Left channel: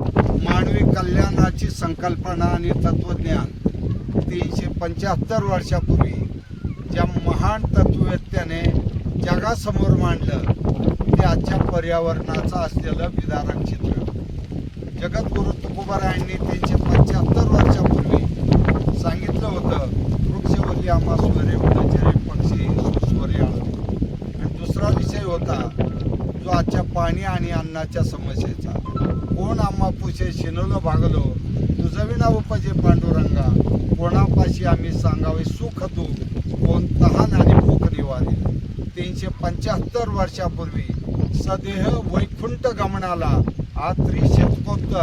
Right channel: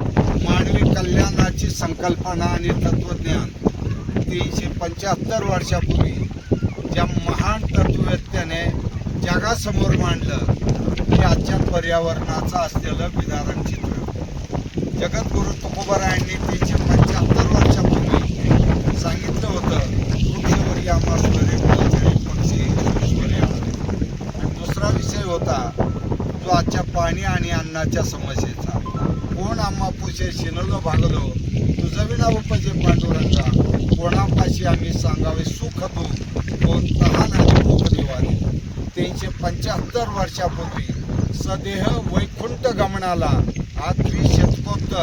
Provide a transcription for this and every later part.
मानवी कल्याणाची संकल्पना आणि तत्वज्ञान 375 वर्षापूर्वी ज्या महान तत्ववेत्याने जगासमोर मांडलं ते आजच्या पर्यावरणाचं असलेलं विदारण चित्र. जगद्गुरु तुकोबारायांनी 375 वर्षापूर्वी सांगितलं होतं, वृक्षवरी आम्हा स्वरे फुलझरे पक्षी स्वरे. आणि दुसरा विषय होता जो आजच्या पाणी आणि अन्नाच्या समस्येचा. कोण आम्हा पुशे शिनलो भागलो तुझविना उपजे पांडुरंगा, कोणापाशी आम्ही सांगावे सुख दुःख, कोण तहान आणि भूक निवारे. 375 वर्षापूर्वी सदेह वैकुंठ गमनाला आज 300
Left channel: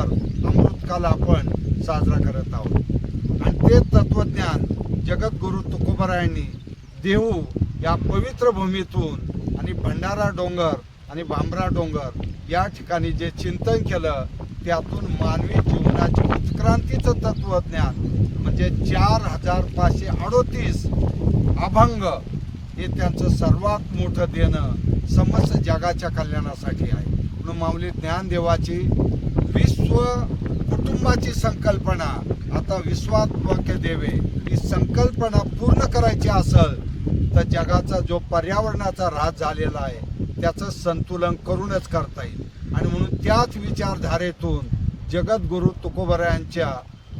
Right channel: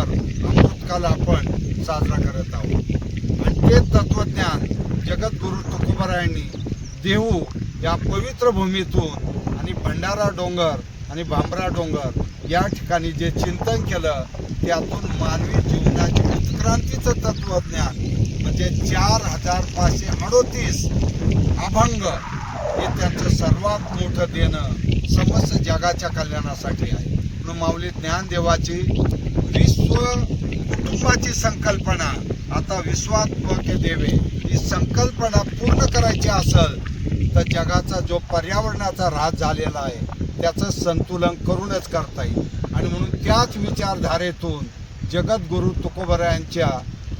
अमृतकाल आपण साजरा करत आहोत. आणि ते तत्वज्ञान जगद्गुरु तुकोबारायांनी देहू या पवित्र भूमीतून आणि भंडारा डोंगर आणि भांबरा डोंगर या ठिकाणी जे चिंतन केलं त्यातून मानवी जीवनाची उत्क्रांतीचं तत्वज्ञान म्हणजे 4538 अभंग हे त्यांचं सर्वात मोठं देणं समस्त जगाच्या कल्याणासाठी आहे. म्हणून माऊली ज्ञानदेवाची विश्व कुटुंबाची संकल्पना, आता विश्वात्मक देवे ही संकल्पना पूर्ण करायची असेल तर जगाचा जो पर्यावरणाचा ऱ्हास झालेला आहे त्याचं संतुलन करूनच करता येईल. आणि म्हणून त्याच विचारधारेतून जगद्गुरु तुकोबारायांच्या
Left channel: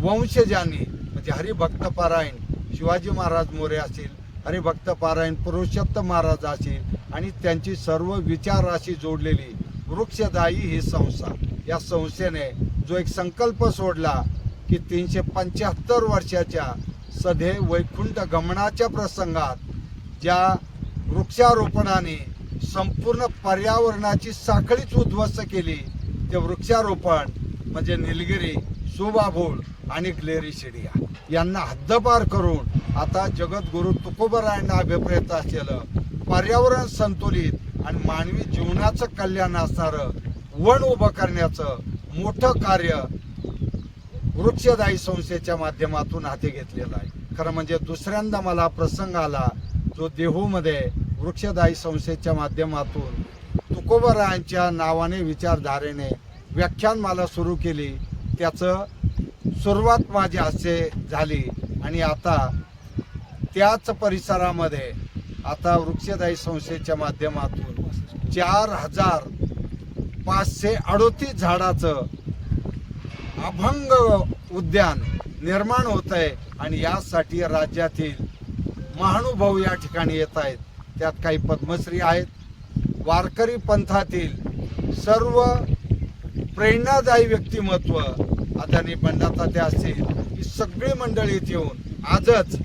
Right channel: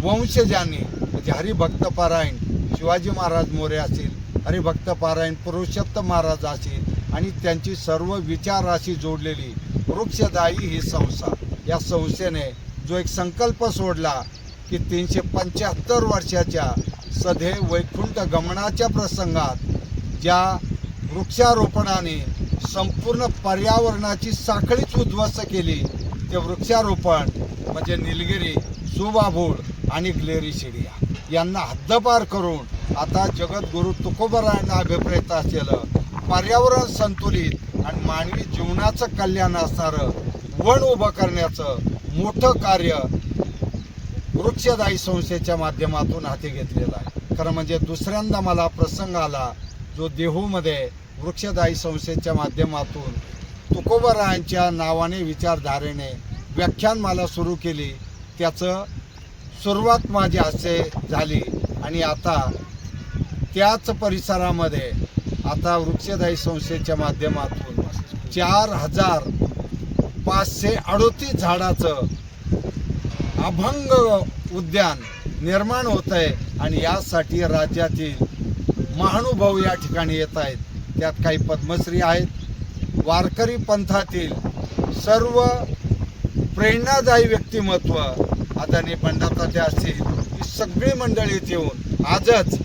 वंशजांनी म्हणजे हरिभक्त पारायण शिवाजी महाराज मोरे असतील, हरिभक्त पारायण पुरुषोत्तम महाराज असतील आणि त्यांची सर्व विचाराशी जोडलेली वृक्षदायी ही संस्था, या संस्थेने जो एक संकल्प सोडला की 375 वर्षाच्या सदैव वैकुंठ गमनाच्या प्रसंगात ज्या वृक्षारोपणाने संपूर्ण पर्यावरणाची साखळीच उद्ध्वस्त केली, ते वृक्षारोपण म्हणजे निलगिरी, सुबाभूळ आणि ग्लेरी शिडिया यांना हद्दपार करून आता जगद्गुरु तुकोबारायांना अभिप्रेत असलेलं पर्यावरण संतुलित आणि मानवी जीवनाचं कल्याण असणारं वन उभं करण्याचं मोठं कार्य वृक्षदायी संस्थेच्या माध्यमातून हाती घेतलेलं आहे. खरं म्हणजे दुसऱ्यांदा मला प्रसंग आला जो देहूमध्ये वृक्षदायी संस्थेच्या माध्यमातून तुकोबारायांच्या नावाने विचारधारेने व्याख्यानमाला सुरू केली. त्याचं सुरुवात माझी असे झाली आणि आता त्याच परिसरामध्ये आता वृक्षदायी संस्थेच्या माध्यमातून 4538 झाडाचं अभंग उद्यान निर्माण होत आहे. आणि यासाठी राज्यातील महानुभाव या ठिकाणी येत आहेत. त्यात काही पद्मश्री आहेत. वारकरी पंथातील सर्व प्रेरणादायी व्यक्तिमत्व आदरणीय बंडाताते असतील, ही सगळी मंडळी इथे येऊन आजच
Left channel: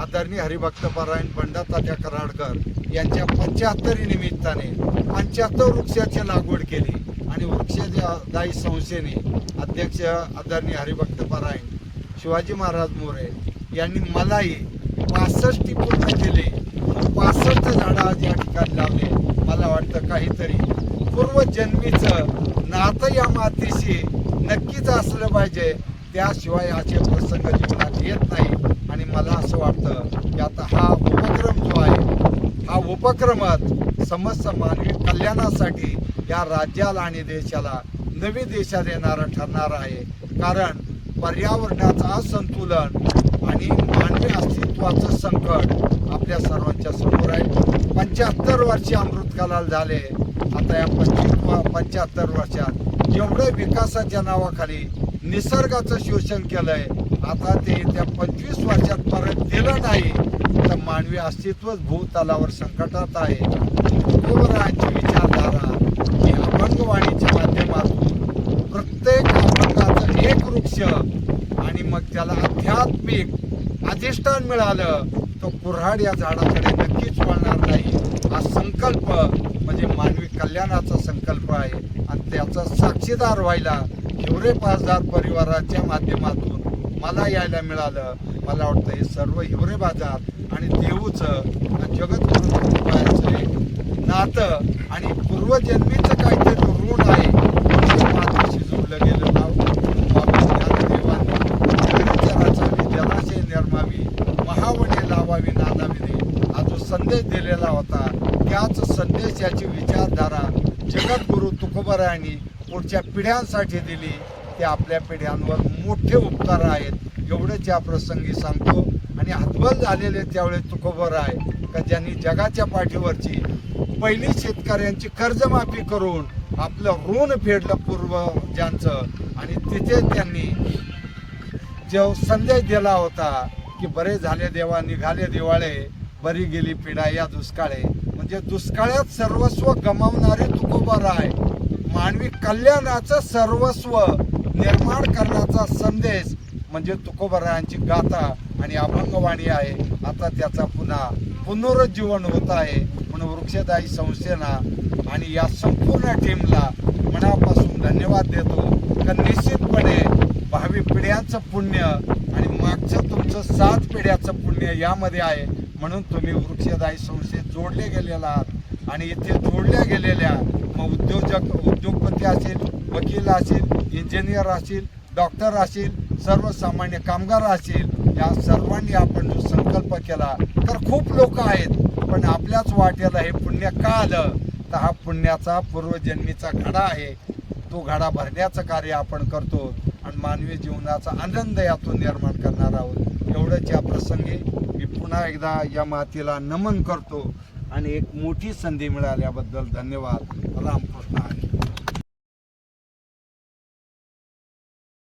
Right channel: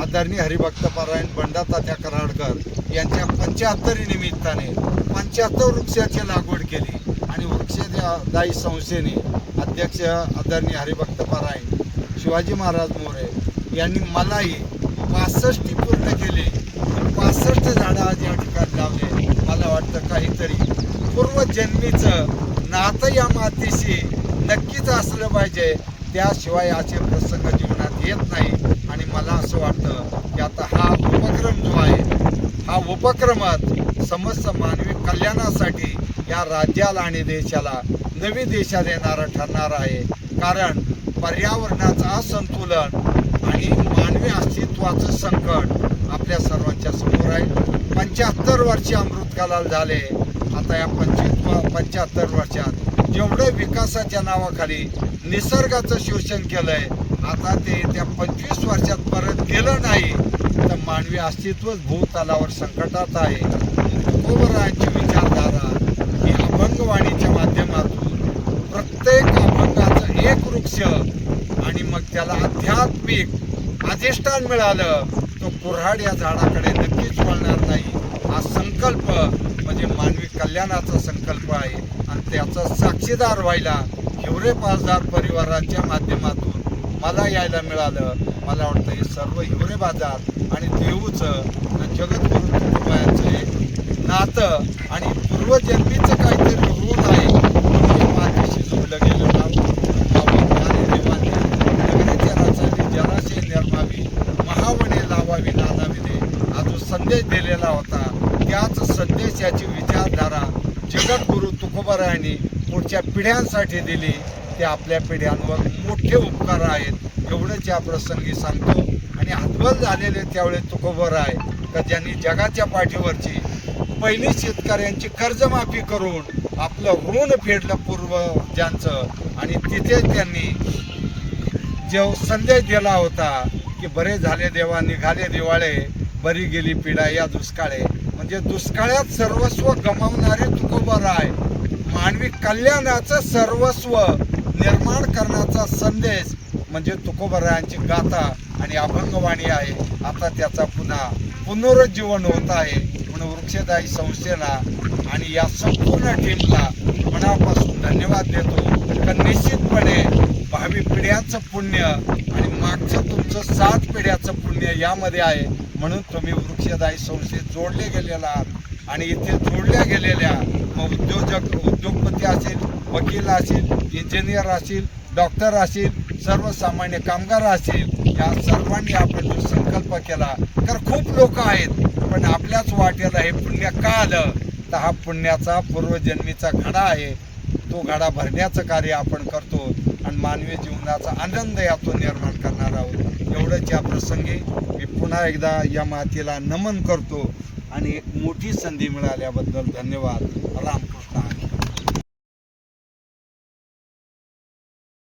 आदरणीय हरिभक्त पारायण बंडातात्या कराडकर यांच्या 75 निमित्ताने 75 वृक्षाची लागवड केली. आणि वृक्षदायी संस्थेने अध्यक्ष आदरणीय हरिभक्त पारायण शिवाजी महाराज मोरे यांनी मलाही 65 पूर्ण केले. 65 झाडं आज या ठिकाणी लावले. मला वाटतं काहीतरी पूर्वजन्मीचं नातं या मातीशी नक्कीच असलं पाहिजे, त्याशिवाय असे प्रसंग जीवनात येत नाही. आणि मला असं वाटतं की आता हा उपक्रम जो आहे, हा उपक्रमात समस्त मानवी कल्याणासाठी या राज्याला आणि देशाला नवी दिशा देणारा ठरणार आहे. कारण पर्यावरणाचं असंतुलन आणि मानवी अस्तित्वाचं संकट आपल्या सर्वांच्या समोर आहे. 75 वर्षे अमृतकालाला झाले. आता या 75 वर्षात जेवढे विकासाच्या नावाखाली निसर्गाचं शोषण केलंय, आता ते त्या 25 वर्षात परत केलं नाही तर मानवी अस्तित्वच भूतलावर संकटात आहे. तुकोबारायांची विचारधारा ही अभंगवाणीच्या माध्यमातून प्रत्येक अभंगाचं एक वृक्ष आणि मग त्याला आध्यात्मिक अधिष्ठान मिळालं तो कुऱ्हाड या झाडाकडे नक्कीच वळणार नाही. हा संकल्प म्हणजे मानवी कल्याणाचा संकल्प आहे. आणि त्याचा साक्षीदार व्हायला हिवरे बाजार परिवाराच्या माध्यमातून मला यायला मिळालं. मला वाटतं हे सर्व हिवरे बाजार आणि देहूचं जगद्गुरु तुकोबारायांचं नातं आणि पूर्वजन्मीचं काहीतरी ऋण आहे म्हणून या मातीशी जोडलं गेलं नाव. जलाशय निर्मावी, महावने लावावी नानाविदे हा जो संदेश दिलेला होता, त्याच संदेशाची विचारधारा जगद्गुरु तुकोबारायांनी पुढच्या पिढ्यांसाठी दिली ते आपल्या पिढ्यांवर मोठे उपकार आहेत एवढंच या प्रसंगी सांगतो. आणि हतबल झालेले त्यावेळेस तुकोबराय का ज्यांनी जगाच्या पाठीवरची पहिली शेतकऱ्यांची कर्जमाफी करून आपलं ऋण फेडलं पूर्वजांचं. आणि तिथे त्यांनी जो संदेश दिला होता की बरे झाले देवा निघाले दिवाळे, बरी गेली पिढा या दुष्काळे. म्हणजे दुष्काळात सर्वस्व गमावणारे तुकोबराय मानवी कल्याणाचं सर्वस्व निर्माण करण्याचा संदेश म्हणजे तुकोबरायांची गाथा आणि अभंगवाणी आहे. आता त्याचा पुन्हा पुनरुज्जीवन होत आहे. म्हणून वृक्षदायी संस्थेला आणि या संपूर्ण टीमला मनापासून धन्यवाद देतो. तर निश्चितपणे भावी पिढ्यांचं पुण्य आणि मागचं तुमचं 7 पिढ्याचं पुण्य यामध्ये आहे. म्हणून तुम्ही वृक्षदायी संस्थेत जोडले गेलेला आहात. आणि इथे जोडल्या गेलेल्या मग उद्योगपती असेल, वकील असेल, इंजिनियर असेल, डॉक्टर असेल, सर्वसामान्य कामगार असेल, या सर्वांनी आपण जो संकल्प केला तर खूप लोक आहेत. पण आपल्याच वाट्याला हे पुण्य का आलं तर हा पुण्याचा पूर्वजन्मीचा घडा आहे. तो घडा भरण्याचं कार्य आपण करतो आणि मानवी जीवनाचा आनंद यातून निर्माण करणार आहोत. एवढंच या प्रसंगी मी पुन्हा एकदा या मातीला नमन करतो आणि एक मोठी संधी मिळाल्याबद्दल धन्यवाद. रामकृष्ण हरी.